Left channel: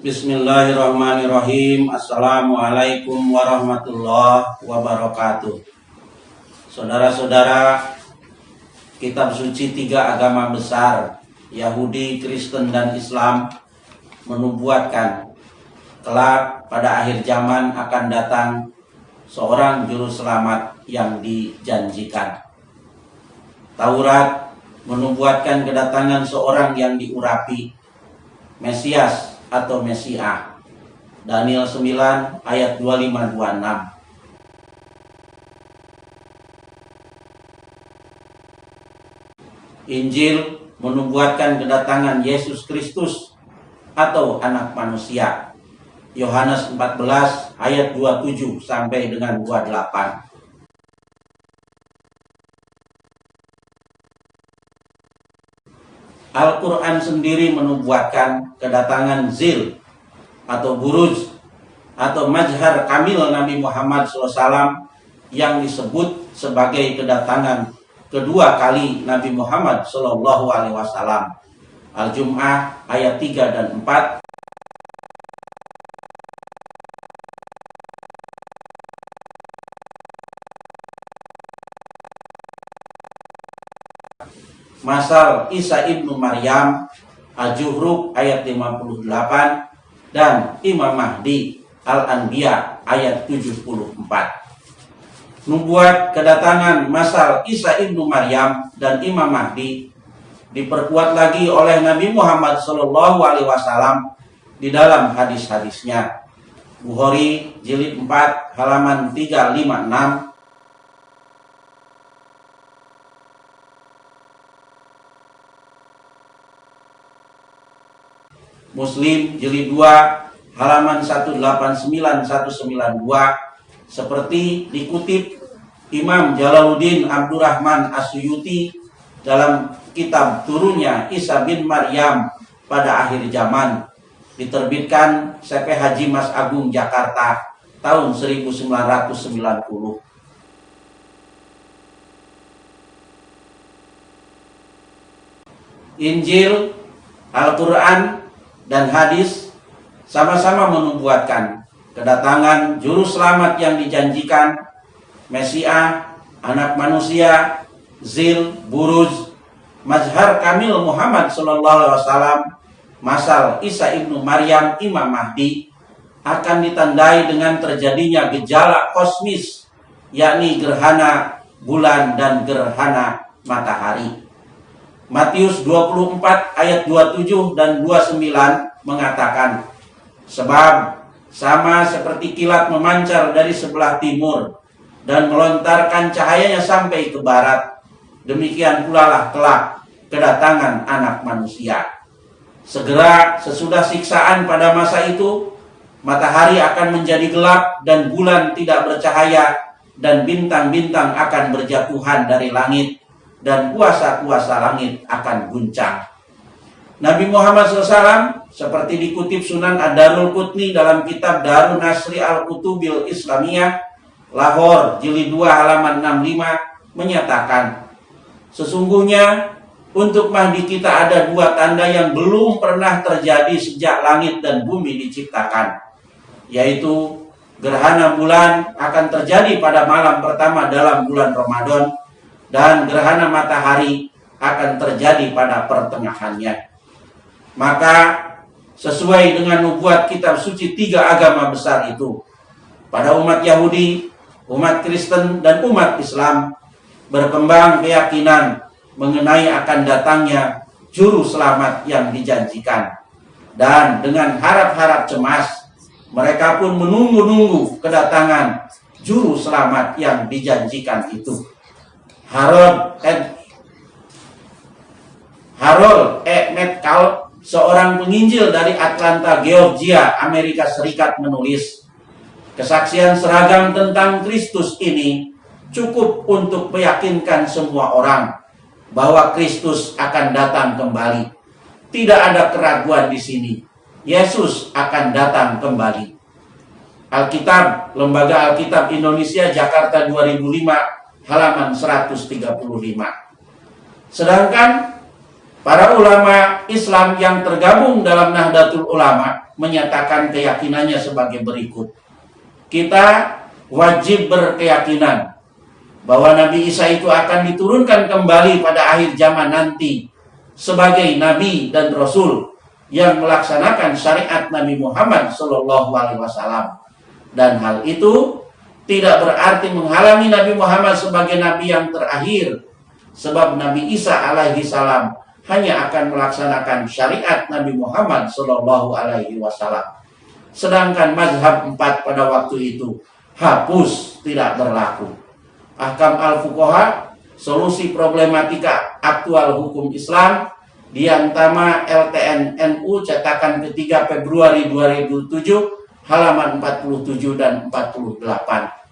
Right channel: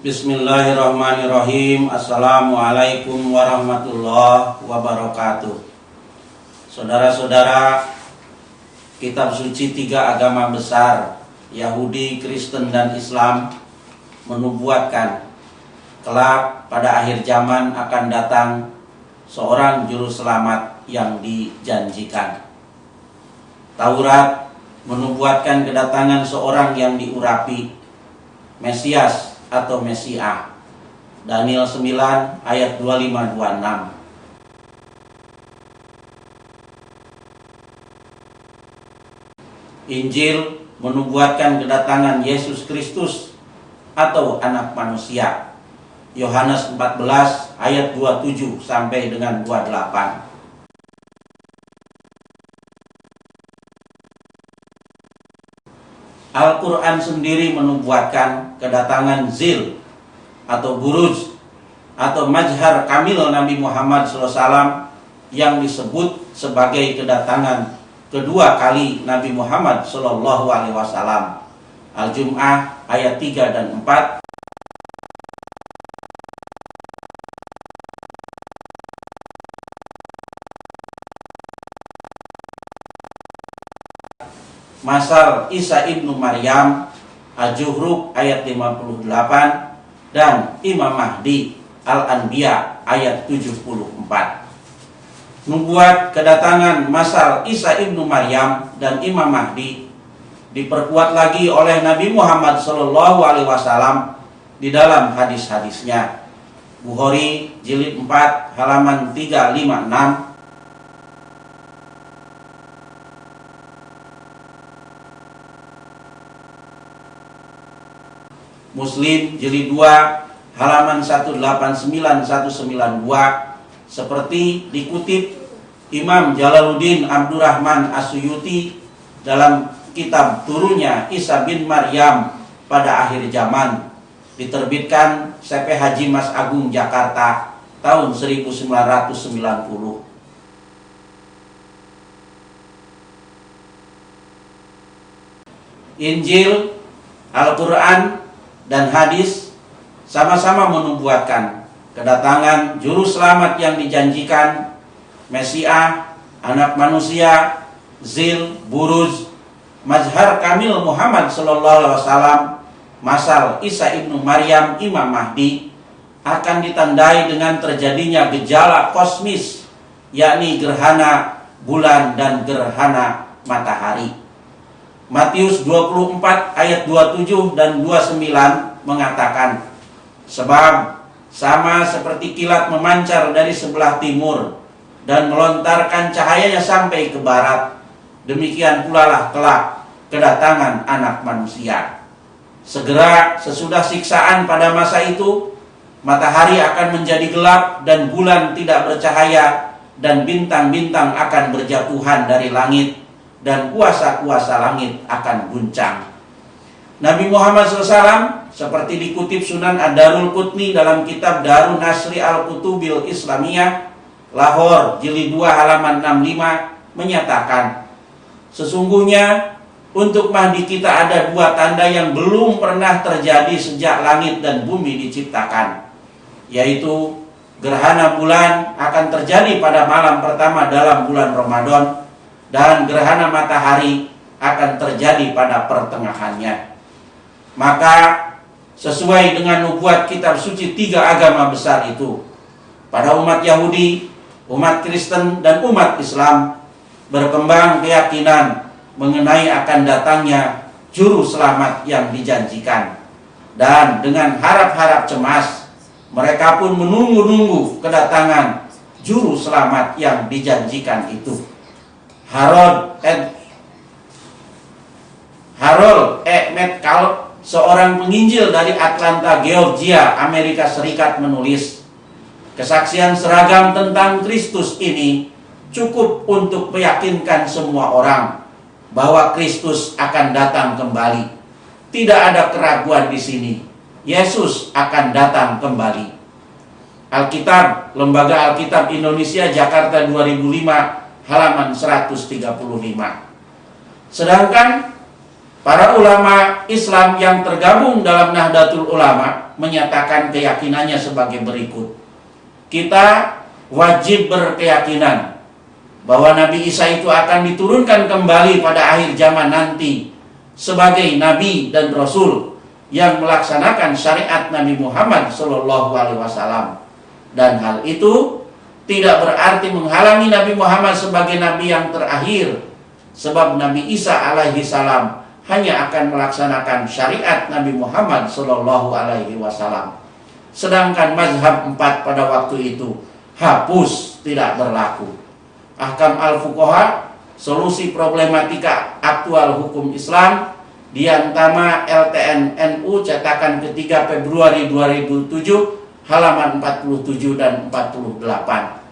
Bismillahirrahmanirrahim. Assalamualaikum warahmatullahi wabarakatuh. Saudara-saudara, kitab suci tiga agama besar, Yahudi, Kristen, dan Islam, menubuatkan kelak pada akhir zaman akan datang seorang juru selamat yang dijanjikan. Taurat menubuatkan kedatangan seorang yang diurapi, Mesias atau Mesiah. Daniel 9 ayat 25-26. Injil menubuatkan kedatangan Yesus Kristus atau anak manusia. Yohanes 14 ayat 27 sampai dengan 28. Al-Quran sendiri menubuatkan kedatangan Zil atau Buruj atau Majhar Kamil Nabi Muhammad SAW yang disebut sebagai kedatangan kedua kali Nabi Muhammad SAW. Al-Jum'ah ayat 3 dan 4. Masal Isa ibnu Maryam, Al-Juhruf ayat 58, dan Imam Mahdi, Al-Anbiya ayat 74. Nubuat kedatangan masal Isa ibnu Maryam dan Imam Mahdi diperkuat lagi oleh Nabi Muhammad SAW di dalam hadis-hadisnya. Bukhari jilid 4 halaman 356, Muslim jilid 2 halaman 189-192, seperti dikutip Imam Jalaluddin Abdurrahman As-Suyuti dalam kitab turunnya Isa bin Maryam pada akhir zaman, diterbitkan CP Haji Mas Agung Jakarta tahun 1990. Injil, Al-Quran, dan hadis sama-sama menubuatkan kedatangan juru selamat yang dijanjikan, Mesiah, anak manusia, Zil, Buruj, Mazhar Kamil Muhammad SAW, masal Isa ibnu Maryam, Imam Mahdi, akan ditandai dengan terjadinya gejala kosmis, yakni gerhana bulan dan gerhana matahari. Matius 24 ayat 27 dan 29 mengatakan, sebab sama seperti kilat memancar dari sebelah timur dan melontarkan cahayanya sampai ke barat, demikian pula lah kelak kedatangan anak manusia. Segera sesudah siksaan pada masa itu, matahari akan menjadi gelap dan bulan tidak bercahaya, dan bintang-bintang akan berjatuhan dari langit, dan kuasa-kuasa langit akan guncang. Nabi Muhammad SAW, seperti dikutip Sunan Ad-Darul Qutni dalam kitab Darun Nasri Al-Kutubil Islamiyah, Lahore jilid 2 halaman 65, menyatakan, sesungguhnya untuk Mahdi kita ada dua tanda yang belum pernah terjadi sejak langit dan bumi diciptakan, yaitu gerhana bulan akan terjadi pada malam pertama dalam bulan Ramadan, dan gerhana matahari akan terjadi pada pertengahannya. Maka sesuai dengan nubuat kitab suci tiga agama besar itu, pada umat Yahudi, umat Kristen, dan umat Islam berkembang keyakinan mengenai akan datangnya juru selamat yang dijanjikan. Dan dengan harap-harap cemas, mereka pun menunggu-nunggu kedatangan juru selamat yang dijanjikan itu. Harold E. Metcalf, seorang penginjil dari Atlanta, Georgia, Amerika Serikat, menulis, kesaksian seragam tentang Kristus ini cukup untuk meyakinkan semua orang bahwa Kristus akan datang kembali. Tidak ada keraguan di sini. Yesus akan datang kembali. Alkitab, Lembaga Alkitab Indonesia, Jakarta 2005, halaman 135. Sedangkan Para ulama Islam yang tergabung dalam Nahdlatul Ulama menyatakan keyakinannya sebagai berikut. Kita wajib berkeyakinan bahwa Nabi Isa itu akan diturunkan kembali pada akhir zaman nanti sebagai Nabi dan Rasul yang melaksanakan syariat Nabi Muhammad SAW. Dan hal itu tidak berarti menghalangi Nabi Muhammad sebagai Nabi yang terakhir, sebab Nabi Isa alaihi salam hanya akan melaksanakan syariat Nabi Muhammad SAW. Sedangkan mazhab 4 pada waktu itu hapus, tidak berlaku. Ahkam al-Fuqaha, solusi problematika aktual hukum Islam, Diantama LTN NU, cetakan ketiga Februari 2007, halaman 47 dan 48.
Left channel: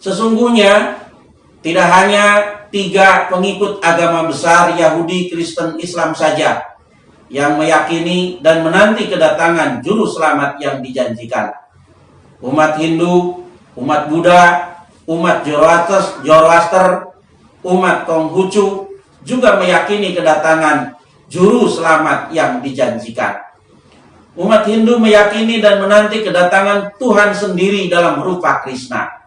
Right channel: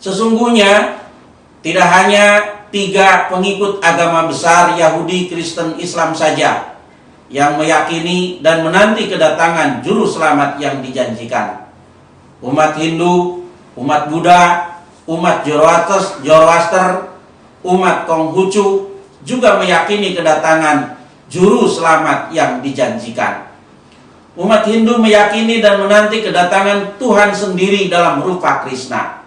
Sesungguhnya tidak hanya 3 pengikut agama besar Yahudi, Kristen, Islam saja yang meyakini dan menanti kedatangan juru selamat yang dijanjikan. Umat Hindu, umat Buddha, umat Zoroaster, umat Konghucu juga meyakini kedatangan juru selamat yang dijanjikan. Umat Hindu meyakini dan menanti kedatangan Tuhan sendiri dalam rupa Krishna.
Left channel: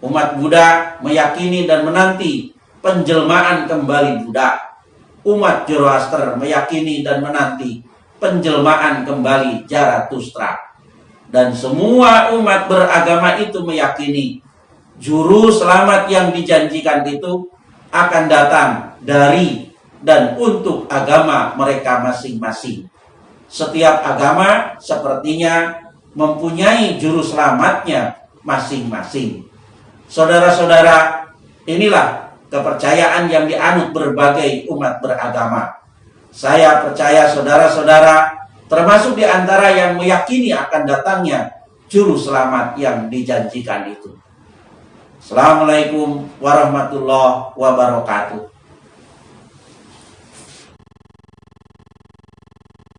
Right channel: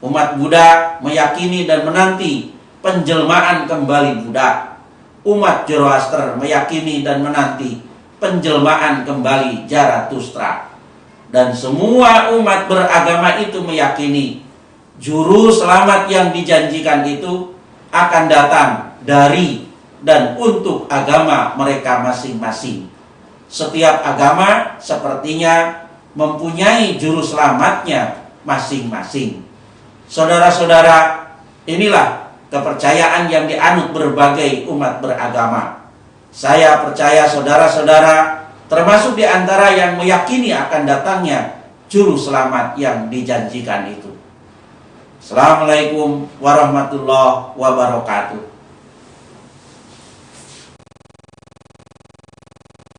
Umat Buddha meyakini dan menanti penjelmaan kembali Buddha. Umat Zoroaster meyakini dan menanti penjelmaan kembali Zarathustra. Dan semua umat beragama itu meyakini juru selamat yang dijanjikan itu akan datang dari dan untuk agama mereka masing-masing. Setiap agama sepertinya mempunyai juru selamatnya masing-masing. Saudara-saudara, inilah kepercayaan yang dianut berbagai umat beragama. Saya percaya saudara-saudara termasuk di antara yang meyakini akan datangnya juru selamat yang dijanjikan itu. Assalamualaikum warahmatullahi wabarakatuh.